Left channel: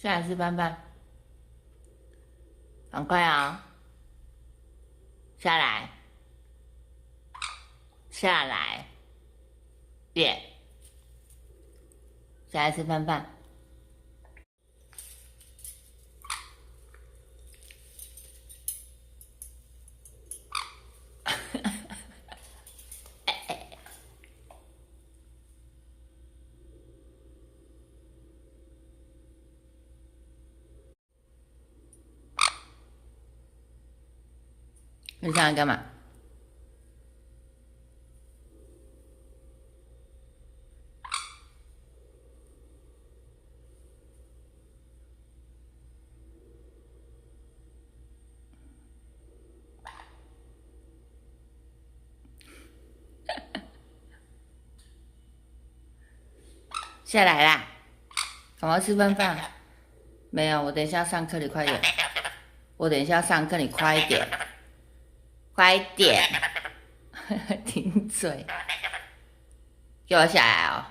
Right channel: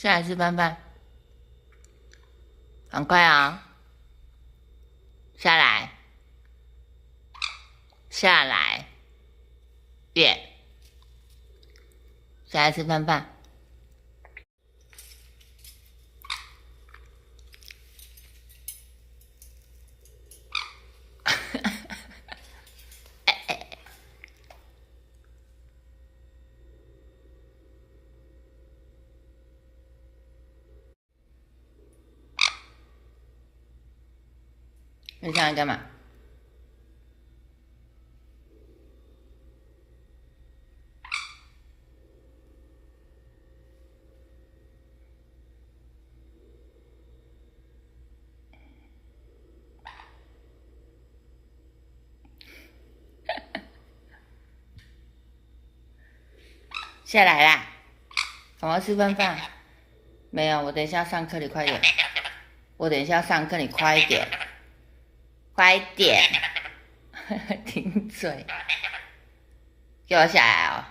下来吃饭饭，赶快啊！下来，下来，月，下来吃饭饭。你上来干嘛？下来啦！赶快吃饭饭。没有，我等一下上课，你快点。我等一下上课，你快一点，快一点。顶嘴，给我下来哦！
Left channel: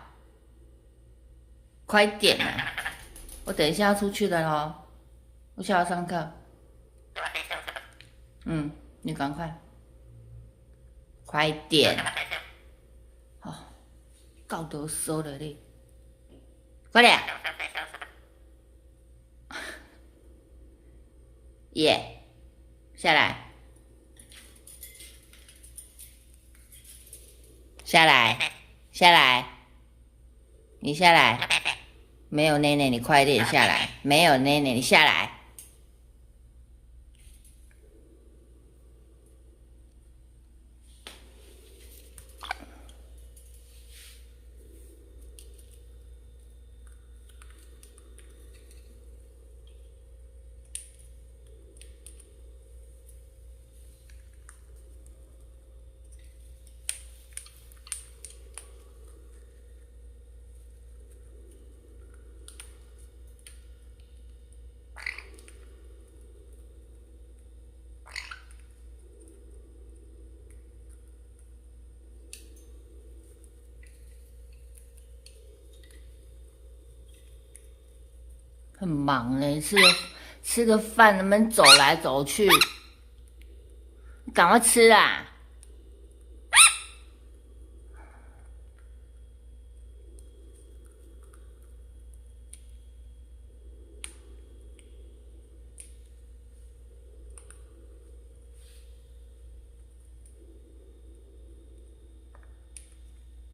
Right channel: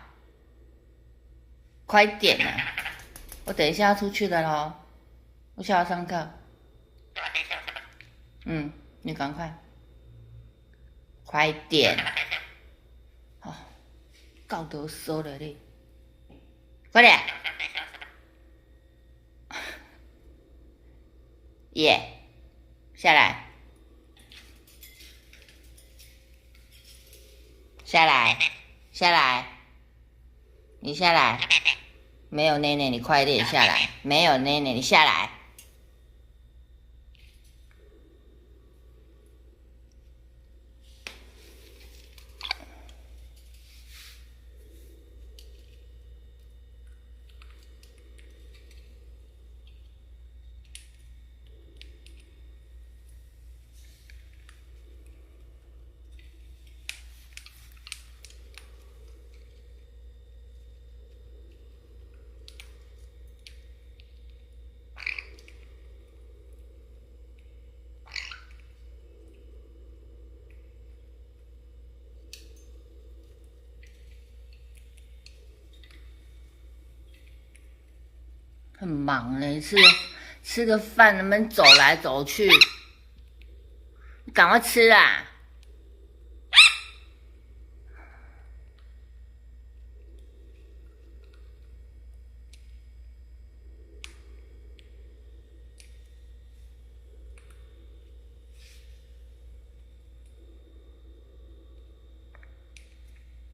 快一点啊！我等一下要出去了咯，我下午上课。你赶快，快一点！哦，够多说了你，快点！耶，下来，下来，下来，你下来。没有奶奶，你快点下来。没有奶奶，你下来。很忙嘞，吃个饭能不能走来走去？赶快吃啊！